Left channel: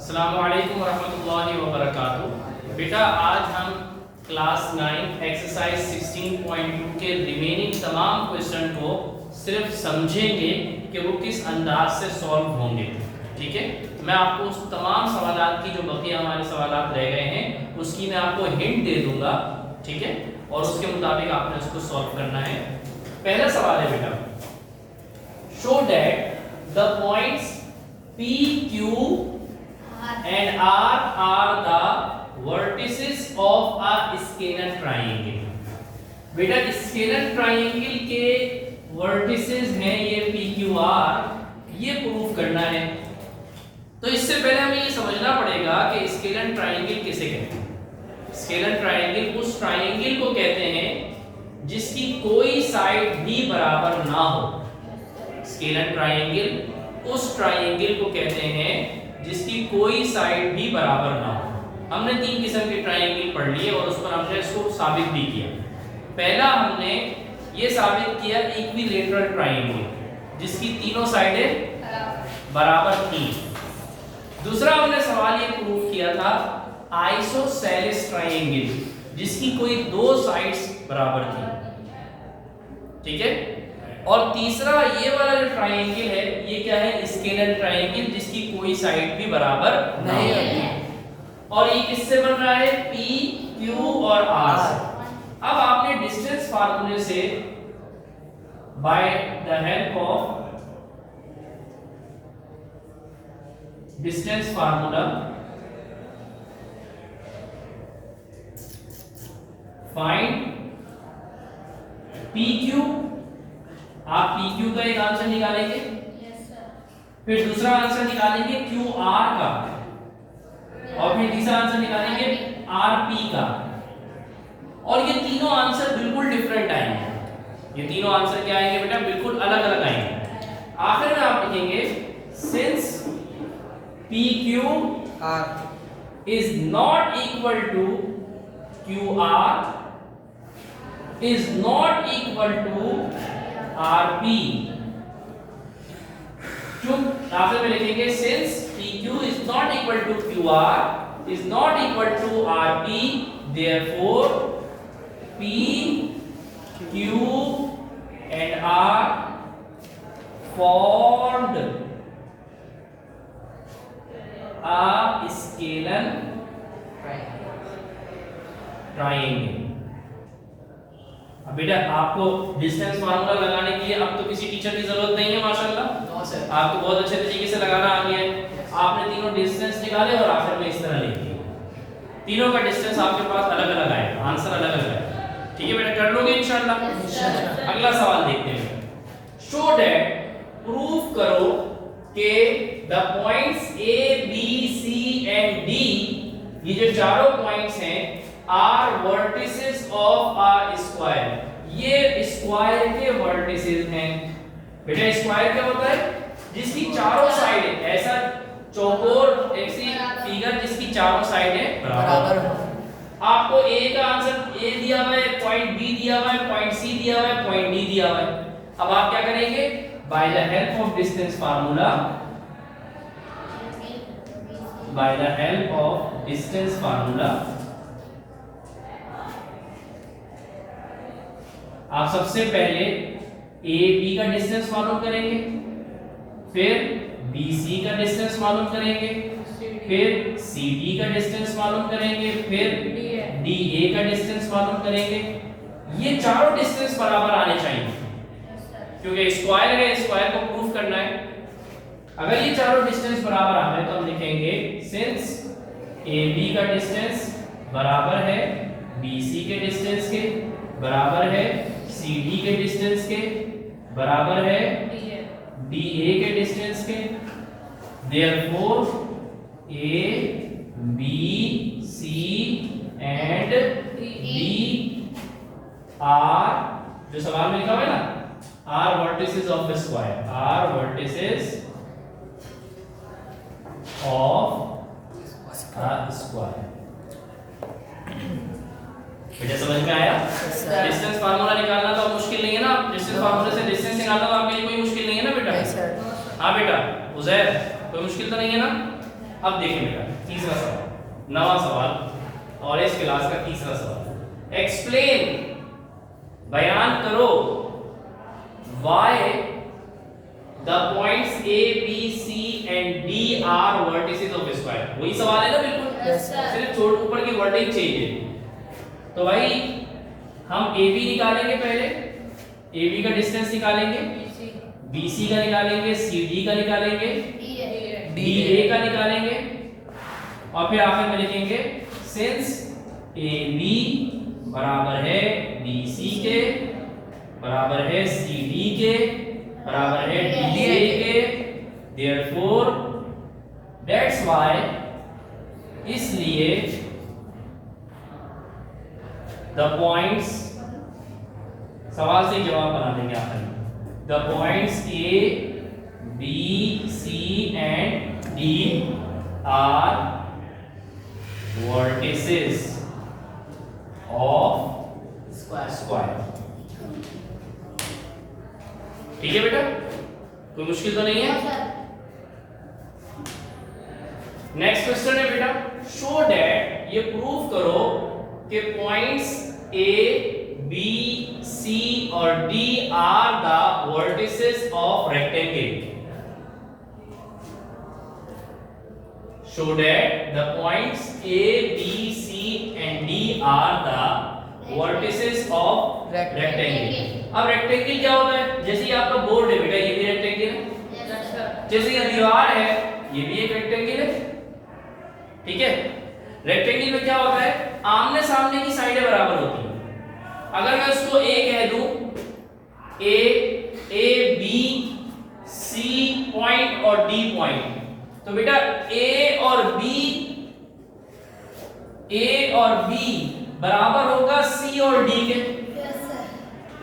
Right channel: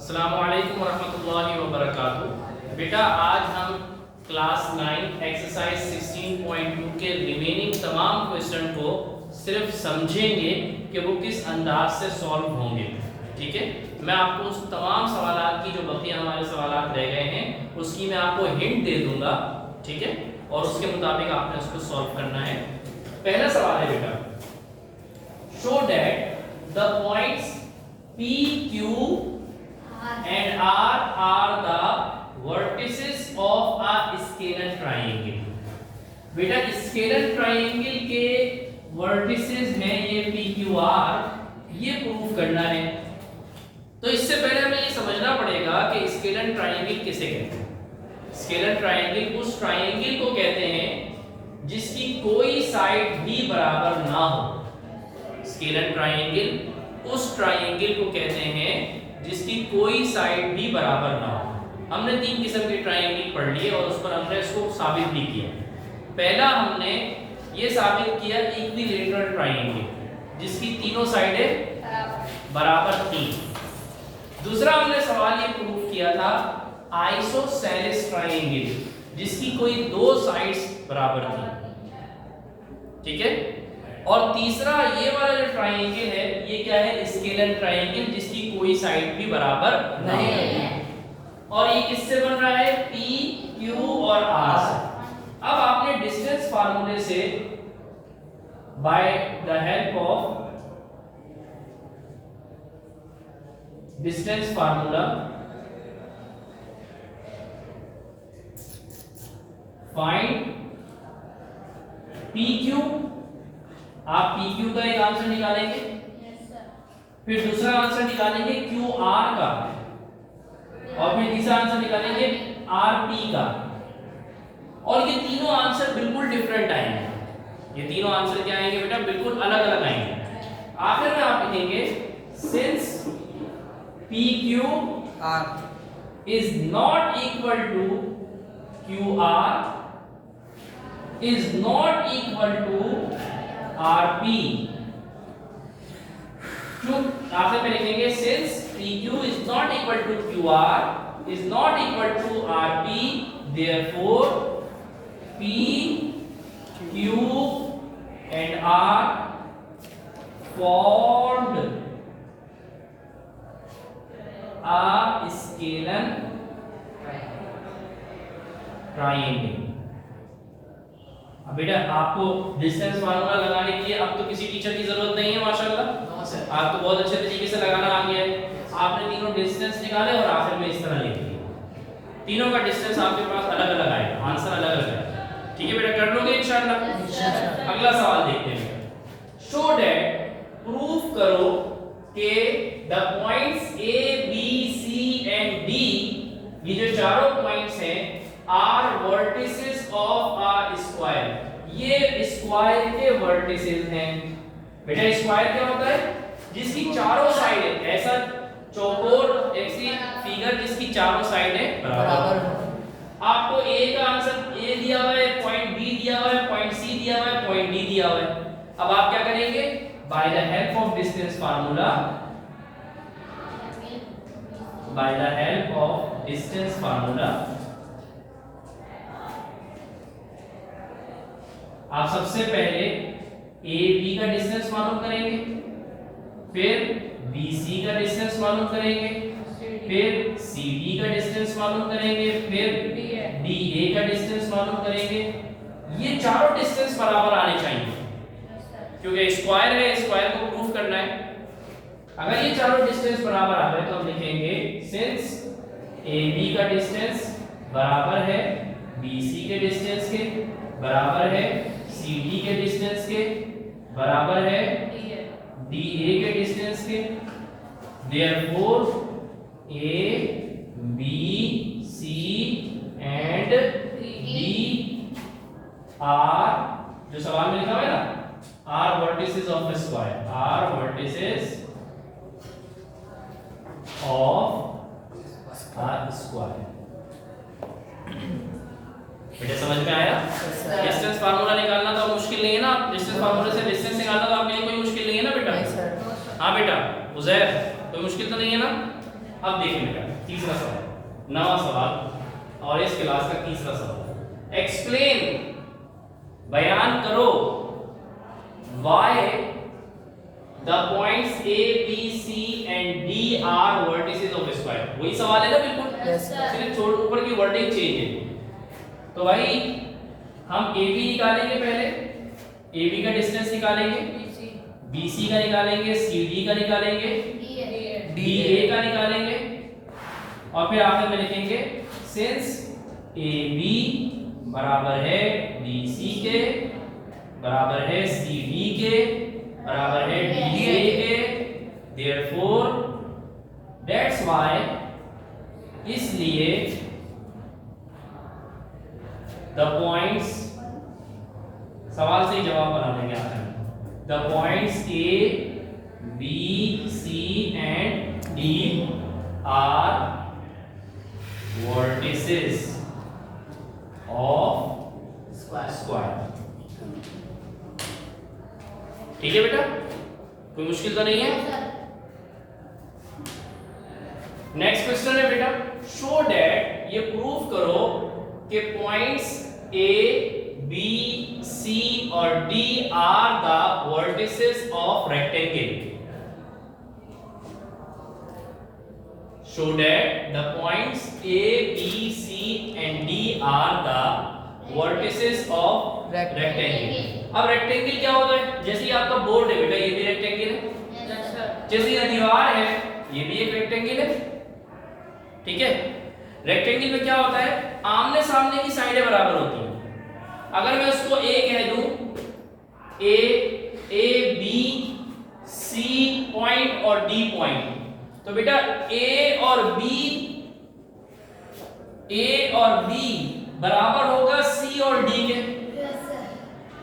अस्सलामुअलैकुम वरहमतुल्लाहि वबरकातुहू। बेटा आज हम क्लास 9 एक्सरसाइज 16.2 के रिमेनिंग तमाम क्वेश्चन को सिर्फ समझेंगे कि वो किस अंदाज से सॉल्व होंगे। ठीक है, मैं आपको उस तमाम सवालात की जो बकिया हमारे सवालात रह गए हैं उसकी मैं आपको हिंट दे दूंगा। ठीक है, और उसके मुताबिक आपने उसको सॉल्व करना है। पहला सवाल है बेटा, show that the points P, Q and R are the vertices of a scalar triangle। बेटा स्केलर ट्राइंगल के वर्टिसेस हैं ये P, Q, R, ये प्रूव करना है। तो इससे पहले हमें ये समझना पड़ेगा कि स्केलर ट्राइंगल किसे कहते हैं। स्केलर ट्राइंगल उस ट्राइंगल को कहते हैं जिसकी कोई साइड भी बराबर ना हो। स्केलर ट्राइंगल उस ट्राइंगल को कहते हैं जिसकी कोई साइड भी बराबर ना हो। हमने तीन किस्म के ट्राइंगल पढ़ लिए और उस पर हमने इसको साबित भी किया। पहला हमने ये साबित किया इक्विलैटरल ट्राइंगल जिसकी तीनों साइडें बराबर थी। दूसरा हमने सवाल ये प्रूव किया था आइसोसेलेस ट्राइंगल जिसकी कोई दो साइड्स बराबर थी। ठीक है, और तीसरा ये वाला जो ट्राइंगल है ये क्या है, स्केलर ट्राइंगल जिसकी कोई साइड भी बराबर नहीं है। और ये किससे बन रहा है, P, Q और R से। अब आपने डिस्टेंस फार्मूले से by the help of distance formula find PQ। आप PQ का एक आंसर निकालेंगे, फिर दूसरा आंसर निकालेंगे QR का, और फिर तीसरा आंसर निकालेंगे RP का। और ये तीनों आंसर बिल्कुल डिफरेंट आएंगे। ये तीनों आंसर क्या आएंगे बेटा, बिल्कुल अलग अलग आएंगे। आखिर में आप लिखेंगे since PQ is not equal to QR is not equal to RP। आखिर में लिखेंगे since PQ is not equal to QR is not equal to RP, therefore P, Q and R formed a scalar triangle। अब बेटा आपको distance formula लगाने के लिए अब तो किसी टीचर की जरूरत नहीं है माशाल्लाह। आपको बहुत अच्छे तरीके से लगाना आ गया है। आपने तीनों डिस्टेंस निकाले और आखिर में इस तरह लिख दिया। तीनों का डिस्टेंस आपके पास अलग अलग आएगा, आंसर अलग अलग आएगा। ठीक है बेटा, कर लोगे इंशाल्लाह। अगला सवाल देखते हैं, शो दैट प्रूफ करो कि the points A, B, C and D, ये जो चारों पॉइंट्स हैं are vertices of a square, ये स्क्वायर के वर्टिसेस हैं। बेटा स्क्वायर क्या होता है, जिसकी चारों साइड, ऐसा चौकोर ऐसी फिगर जिसकी चारों साइडें बराबर हो। आपको ए का आंसर ए दिया हुआ है, पॉइंट बी दिया हुआ है, पॉइंट सी दिया हुआ है, पॉइंट डी दिया हुआ है। अब आप क्या करेंगे, by the help of distance formula, by the help of distance formula आप सबसे पहले ए बी का डिस्टेंस मालूम करेंगे, फिर बी सी का डिस्टेंस मालूम करेंगे, फिर सी डी का डिस्टेंस मालूम करेंगे, फिर डी ए का डिस्टेंस मालूम करेंगे। ये चारों डिस्टेंस बराबर आने चाहिए क्योंकि स्क्वायर है, स्क्वायर को प्रूफ करना है। अगर ये चारों डिस्टेंस बराबर आ गए तो हम लिखेंगे सिंस ए बी का डिस्टेंस बराबर है बी सी के डिस्टेंस के, बराबर है सी डी के डिस्टेंस के, बराबर है डी ए के डिस्टेंस के, therefore A B C and D are, जो सवाल में लिखा हुआ है ना, are vertices of a square, are vertices of a square. बेटा समझ में आया? डिस्टेंस फार्मूला निकालना तो मुश्किल नहीं है ना, डिस्टेंस फार्मूले से डिस्टेंस निकालना तो आपके लिए कोई मुश्किल नहीं है ना बेटा। हाँ बेटा उजैर, कोई मुश्किल तो नहीं है ना? अब देखिए बेटा तीसरा सवाल, नवा सवाल और इस क्लास का तीसरा सवाल। एक्सप्लेन, बयान करो, why the points A, B, C and D are vertices of square। वही सवाल है ना बिल्कुल, सिर्फ छोड़ ऊपर की वर्डिंग चेंज है। तो भाई हम AB निकालेंगे, पहले AB का डिस्टेंस निकालेंगे, BC का निकालेंगे, CD का निकालेंगे, DA का निकालेंगे और फिर आखिर में लिखेंगे सिंस AB बराबर है BC के, बराबर है CD के, बराबर है DA के, therefore that's why, इसलिए the points, सवाल से ही जवाब बना देंगे आखिर में, the points A, B, C and D are vertices of square। ठीक है बेटा, कोई मुश्किल तो नहीं है। नेक्स्ट क्वेश्चन है बेटा, शो दैट, ये प्रूव करो कि पॉइंट्स ए, बी, सी और D are the vertices of rectangle. Show that the points A, B, C and D are the vertices of rectangle. अब रेक्टेंगल क्या होता है? जैसे ही आपका बोर्ड है बेटा, ये भी रेक्टेंगल है, जैसे ये दीवार है ये भी एक रेक्टेंगल है। ठीक है, रेक्टेंगल में क्या होता है, आमने सामने की साइडें बराबर होती हैं। अगर मैं उसको ए कह दूं, ए, बी, सी पॉइंट और डी पॉइंट, तो बेटा ए और बी बराबर होगा सी और डी के।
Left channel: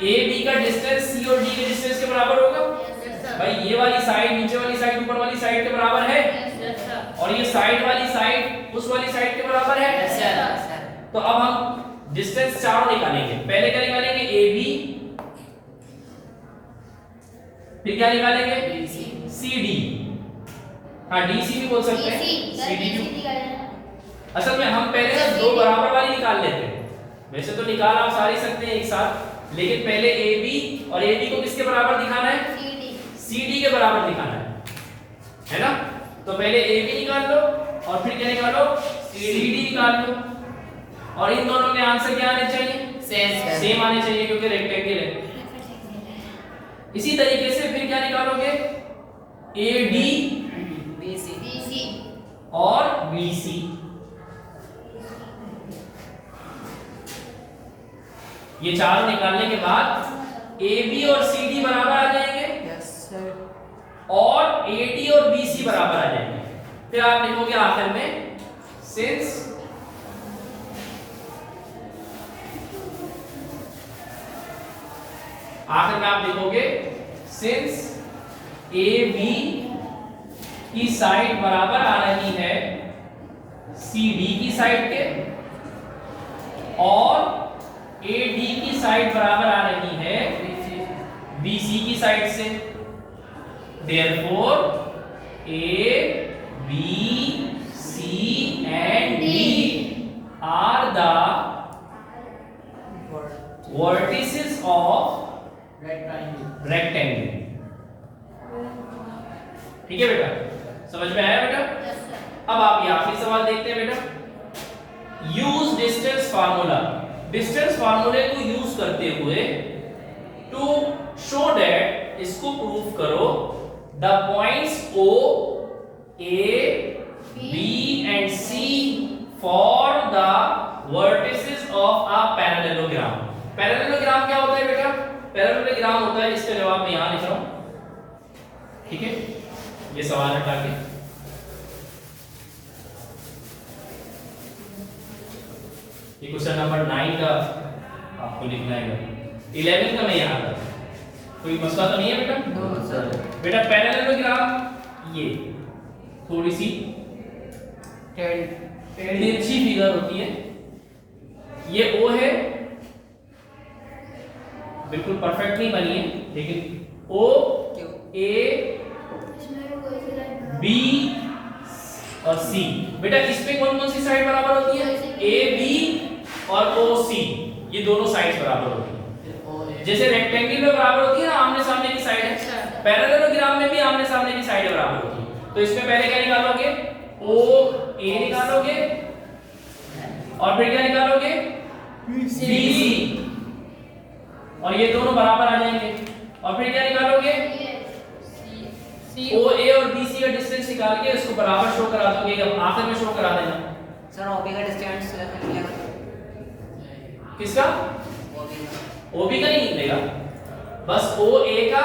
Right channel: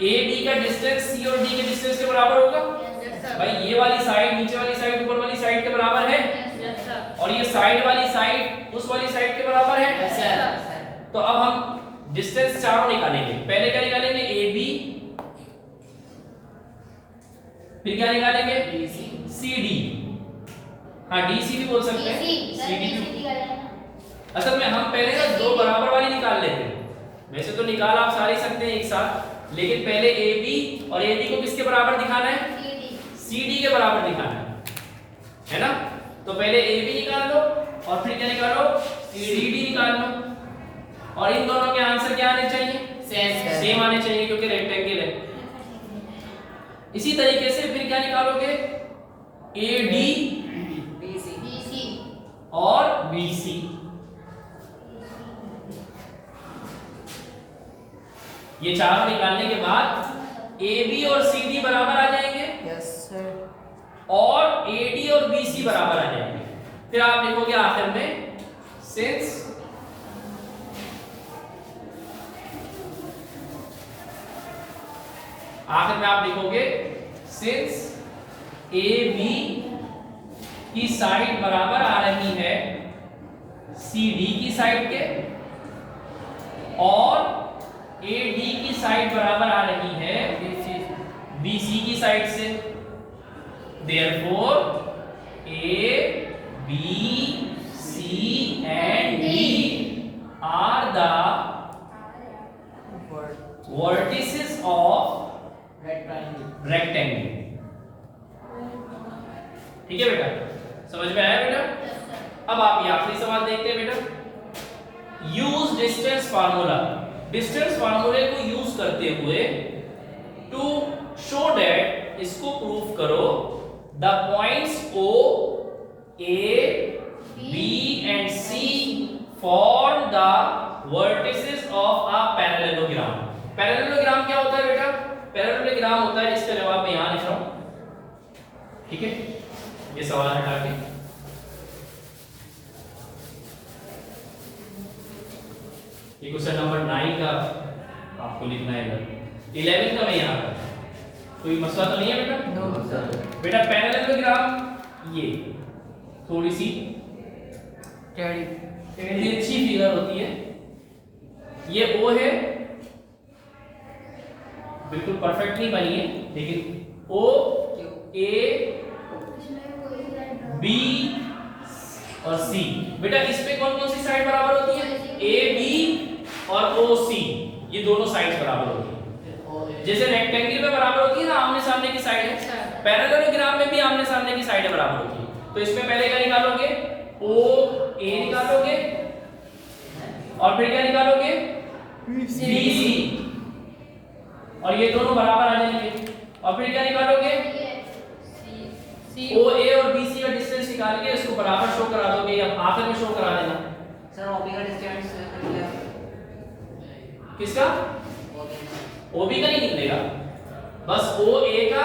ए बी का डिस्टेंस सी और डी के डिस्टेंस के बराबर होगा। भाई ये वाली साइड, नीचे वाली साइड, ऊपर वाली साइड के बराबर है, और ये साइड वाली साइड उस वाली साइड के बराबर है। तो अब हम डिस्टेंस चारों निकालेंगे। पहले क्या निकालेंगे? ए बी, फिर क्या निकालेंगे? C D. हाँ डी सी भी बोल सकते हैं, सी डी। असल में हम पहले दो बराबर वाली निकाल लेते हैं, वैसे तो निकाल आप सारे सकते हैं एक साथ, लेकिन पहले ए बी और ए डी को किसके बराबर दिखाना है? सी डी के बराबर दिखाना है ना। तो पहले ए बी निकाल लो और फिर क्या निकालो? सी डी निकाल लो, और इन दोनों के आंसर क्या आने चाहिए? सेम आने चाहिए, क्योंकि रेक्टेंगल है। इसी तरीके से फिर क्या निकालोगे? ए डी और बी सी। ये चारों निकालने के बाद ए बी और सी डी बराबर आ जाएंगे, और ए डी और बी सी बराबर आ जाएंगे। फिर आप लिखोगे आखिर में सिंस ए बी की साइड बराबर आ रही है सी डी की साइड के, और ए डी की साइड बराबर आ रही है बी सी की साइड से। Therefore A, B, C and D are the vertices of rectangle। ठीक है बेटा, समझ में आया बेटा? अब आप ये आखिरी सवाल देखते हैं बेटा। Use distance formula. डिस्टेंस फार्मूले को यूज करते हुए टू शो दैट, इसको प्रूफ करो, the points O, A, B and C for the vertices of a parallelogram. Parallelogram क्या होता है बेटा? पैरेललोग्राम होता है, इसका जवाब मैं यहां लिख रहा हूं। ठीक है, ये सवाल हटा के ये क्वेश्चन नंबर 9 का आपको लिखना है, 11 का मैं यहाँ कर। कोई मसला तो नहीं है बेटा? बेटा पैरेललोग्राम ये थोड़ी सी तिरछी फिगर होती है। ये O है, बिल्कुल परफेक्ट नहीं बनी है, लेकिन O, A, B और सी। बेटा इस पे कौन कौन सी साइड बराबर होती है? ए बी और ओ सी, ये दोनों साइड्स बराबर होती है। जैसे रेक्टेंगल में बराबर होती है ना आमने सामने की साइड, पैरेललोग्राम में भी आमने सामने की साइड बराबर होती है। तो इसमें पहले क्या निकालोगे? ओ ए निकालोगे और फिर क्या निकालोगे? बी सी, और ये दोनों बराबर आ जाएंगे। और फिर क्या निकालोगे? ओ ए और बी सी का डिस्टेंस निकाल के इसको बराबर शो करा दोगे, अब आखिर में शो करा देना। सर ओबी का डिस्टेंस क्या? किसका? ओबी का ही निकलेगा, बस ओ ए का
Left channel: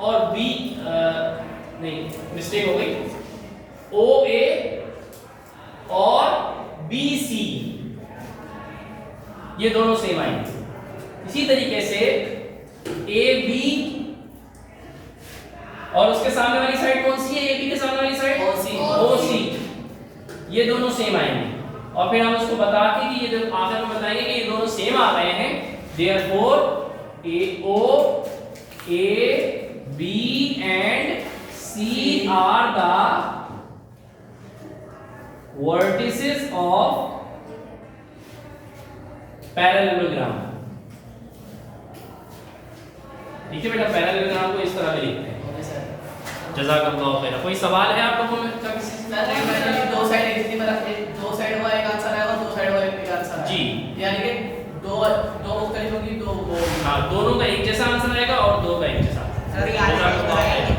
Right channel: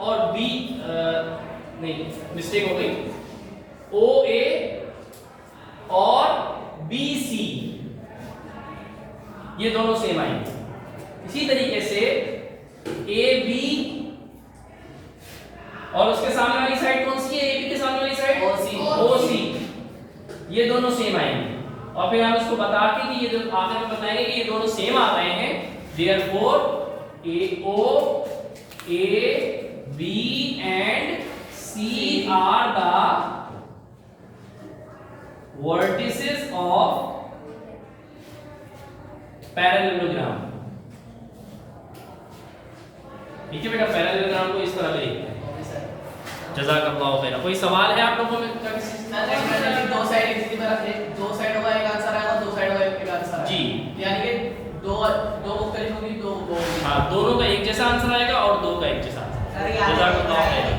और बी नहीं मिस्टेक हो गई, ओ ए और बी सी ये दोनों सेम आएंगे। इसी तरीके से ए बी और उसके सामने वाली साइड कौन सी है? ए बी के सामने वाली साइड ओ सी, ये दोनों सेम आएंगे। और फिर हम इसको बता के कि ये जो आखिर में बताएंगे कि ये दोनों सेम आ गए हैं, therefore A O A B and C are the vertices of parallelogram. ठीक है बेटा, पैरेललोग्राम को इस तरह से लिखते हैं। जज़ाकल्लाहु खैर। कोई सवाल है आप लोगों में क्या किसी से? दो साइड एक तरफ है, दो साइड होगा एक आंसर आएगा, दो साइड होगा एक आंसर आएगा। जी, यानी कि दो मुख्तलिफ होंगी, दो हाँ दोनों का एक जैसा आंसर आएगा और दो का एक जैसा। जज़ाकल्लाहु खैर।